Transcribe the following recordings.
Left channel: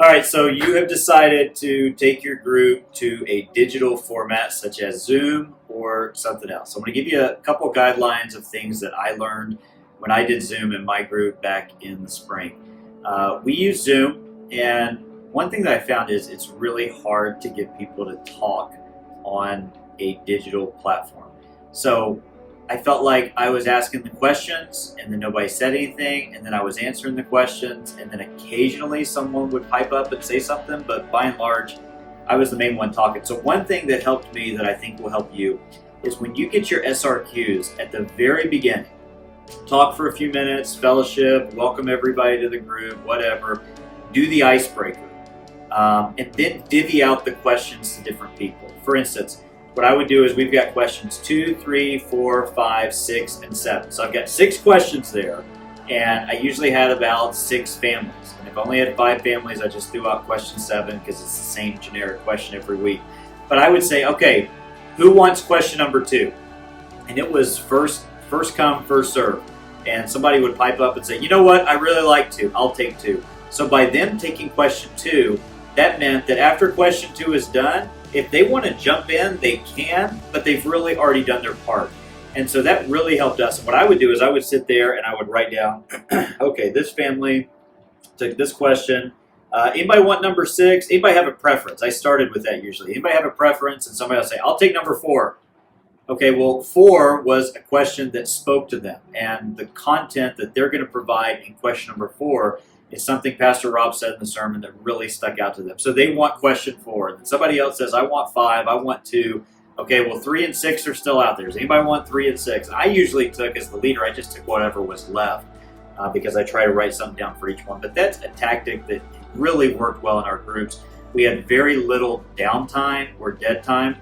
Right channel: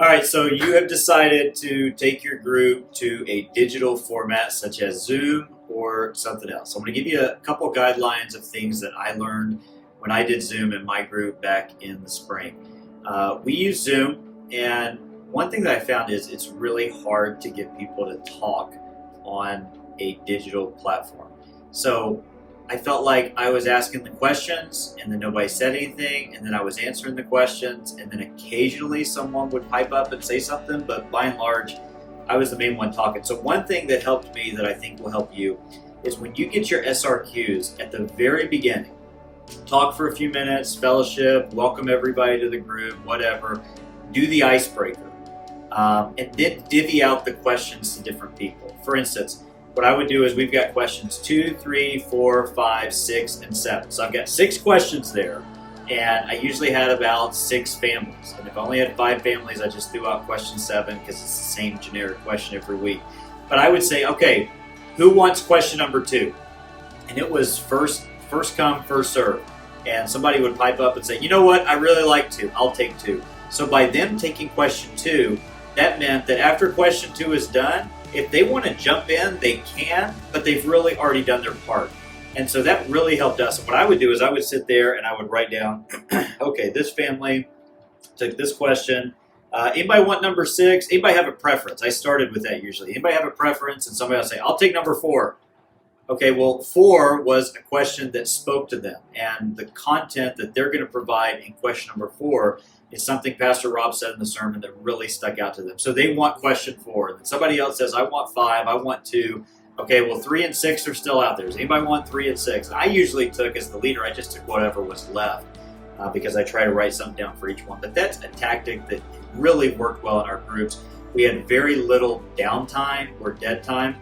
All right, so you have decided to take your group to a digital format such as Zoom or something else. I'm going to give you a couple guidelines of things that I learned when I did Zoom in my group back in the spring. We use Zoom, and one thing that I found is it's really hard to get people to talk on a digital platform. So I felt like I was asking the questions and then nobody said anything, and then I was answering the questions, and then occasionally someone would pipe up and say something, but by and large, I was the main one talking. So, one thing that helped me that I think will help you is when you get your SRQs at the very beginning, talk for a few minutes, fellowship, welcome everybody to the group, whatever, do the icebreaker, and then divvy out the questions to different people. For instance, what I would do is we've got questions 2, 3, 4, 5, 6, and 7. So I've got 6 questions there, and I usually had about 6 families. And if I only had 5 families, I just threw out question 7 because it's the same generic question every week. But I would say, okay, who wants question number 2? And it was first come, first serve. And somebody would pipe up and say, you know what, I really like 2. I'll take 2. So by them taking question 2, that meant that after question 2 is done, if they want to jump in, they can, but they've really already done their part. And so that really helped us. And what I would do is I would sit there and I would write down, okay, this family took this question. Anybody want number 6? Anybody have a preference? I started with that usually. Anybody have a preference? And somebody will say, I'll take number 4. Okay, well, 4 was a question that spoke to them. And the content that they're going to provide in question number 4 is something Pastor Rob said in the sermon that really stuck out to them. So they want question 4. And then somebody else says, I want 5, I want 2. Okay, well, 3 and 6 are still out there. Does anybody want 3 and 6? And I usually took, as the leader, I just took whatever was left because I try to write something down for each one. But that's a tactic that really worked well in our groups. We had very little downtime or dead time.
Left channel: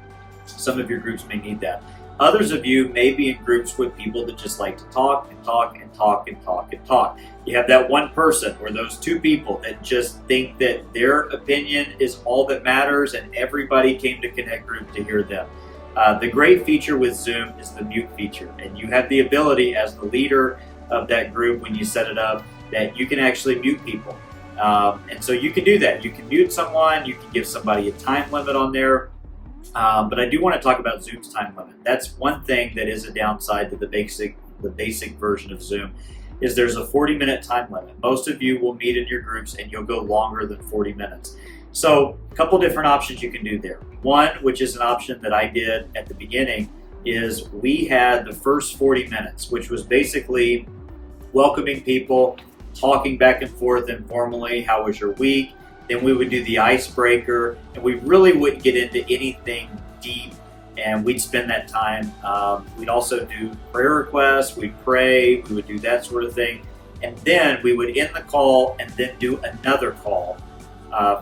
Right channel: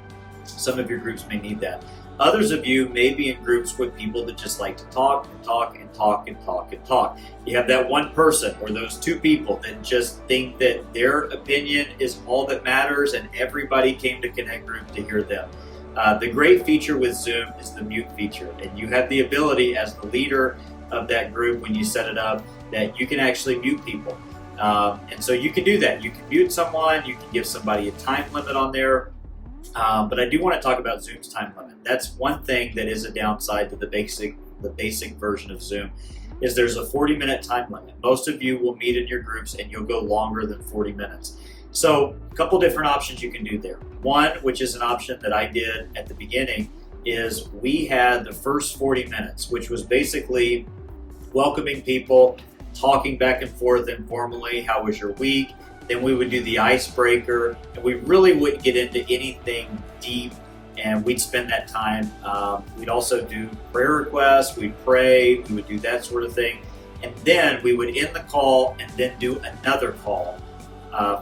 Some of your groups may need that. Others of you may be in groups with people that just like to talk and talk and talk and talk and talk. You have that one person or those 2 people that just think that their opinion is all that matters and everybody came to Connect Group to hear them. The great feature with Zoom is the mute feature, and you have the ability as the leader of that group when you set it up that you can actually mute people. And so you can do that. You can mute someone, you can give somebody a time limit on there. But I do want to talk about Zoom's time limit. That's one thing that is a downside to the basic version of Zoom is there's a 40-minute time limit. Most of you will meet in your groups and you'll go longer than 40 minutes. So a couple different options you can do there. One, which is an option that I did at the beginning, is we had the first 40 minutes, which was basically welcoming people, talking back and forth informally, how was your week? Then we would do the icebreaker, and we really wouldn't get into anything deep, and we'd spend that time. We'd also do prayer requests, we'd pray, we would do that sort of thing. And then we would end the call and then do another call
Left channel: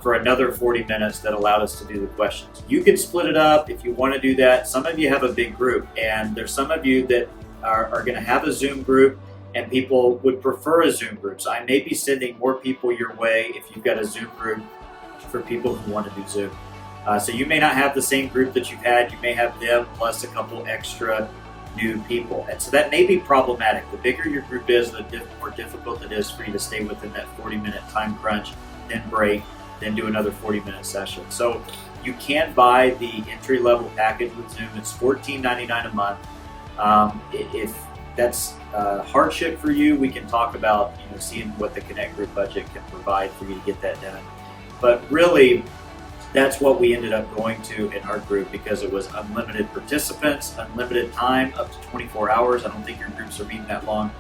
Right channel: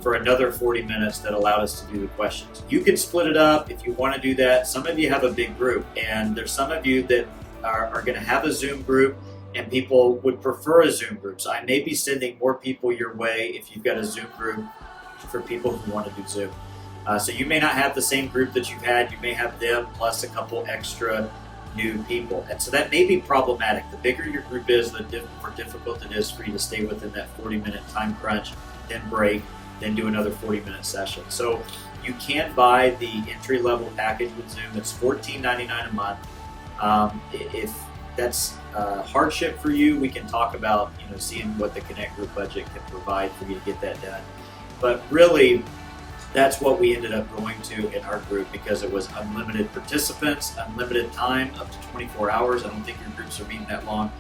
for another 40 minutes that allowed us to do the questions. You can split it up if you want to do that. Some of you have a big group, and there's some of you that are going to have a Zoom group, and people would prefer a Zoom group. So I may be sending more people your way if you've got a Zoom group for people who want to do Zoom. So you may not have the same group that you've had. You may have them plus a couple extra new people. And so that may be problematic. The bigger your group is, the more difficult it is for you to stay within that 40-minute time crunch, then break, then do another 40-minute session. So you can buy the entry-level package with Zoom. It's $14.99 a month. If that's hardship for you, we can talk about seeing what the Connect Group budget can provide for you to get that done. But really, that's what we ended up going to in our group because it was unlimited participants, unlimited time, up to 24 hours. I don't think your groups are meeting that long.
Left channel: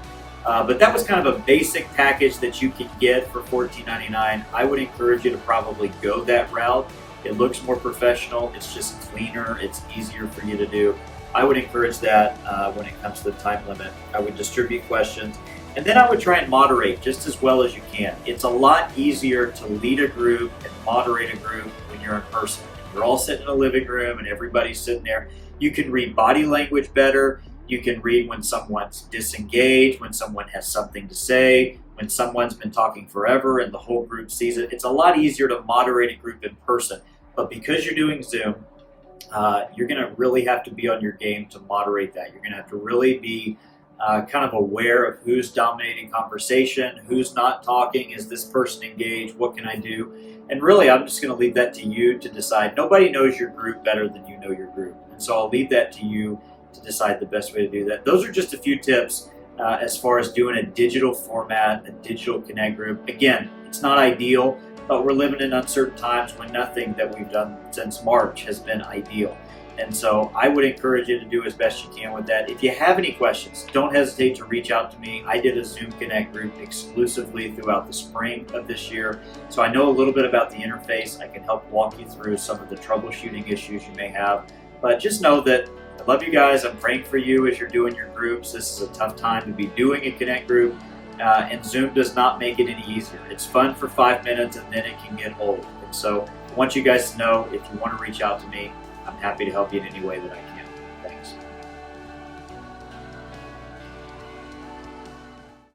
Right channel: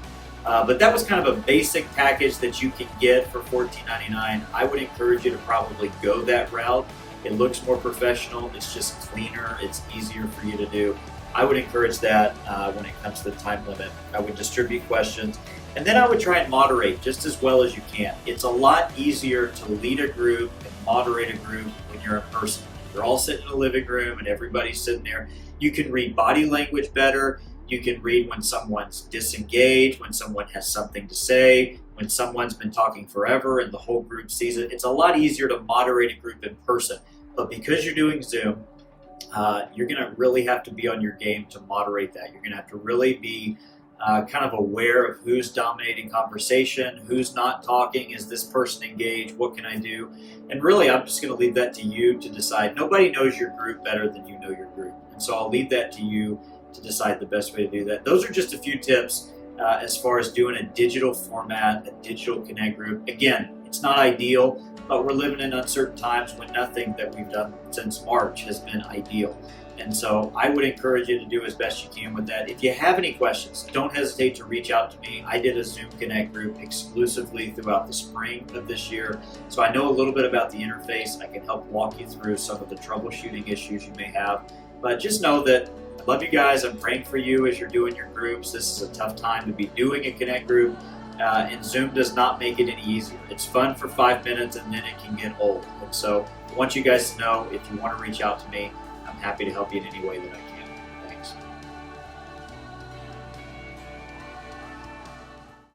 But that was kind of a basic package that you can get for $14.99. I would encourage you to probably go that route. It looks more professional. It's just cleaner. It's easier for you to do. I would encourage that when it comes to the time limit. I would distribute questions, and then I would try and moderate just as well as you can. It's a lot easier to lead a group and moderate a group when you're in person. You're all sitting in a living room and everybody's sitting there. You can read body language better. You can read when someone's disengaged, when someone has something to say, when someone's been talking forever and the whole group sees it. It's a lot easier to moderate a group in person. But because you're doing Zoom, you're going to really have to be on your game to moderate that. You're going to have to really be kind of aware of who's dominating conversation, who's not talking, is this person engaged, what can I do? And really, I'm just going to leave that to you to decide. Nobody knows your group better than you know your group. And so I'll leave that to you to decide the best way to do that. Those are just a few tips as far as doing a digital format, a digital Connect group. Again, it's not ideal, but we're living in uncertain times when nothing that we've done since March has been ideal. And so I would encourage you to do as best you can with that. If you have any questions, don't hesitate to reach out to me. I did a Zoom Connect group exclusively throughout the spring of this year. So I know a little bit about the interface. I can help walk you through some of the troubleshooting issues you may have. But just know that I love you guys. I'm praying for you as you're doing your groups. This is a tough time to be doing a Connect group. And Zoom does not make it any easier. It's fun for 5 minutes and then it can get old. And so I want you guys to know, if you want to reach out to me, I'm happy to help you in any way that I can.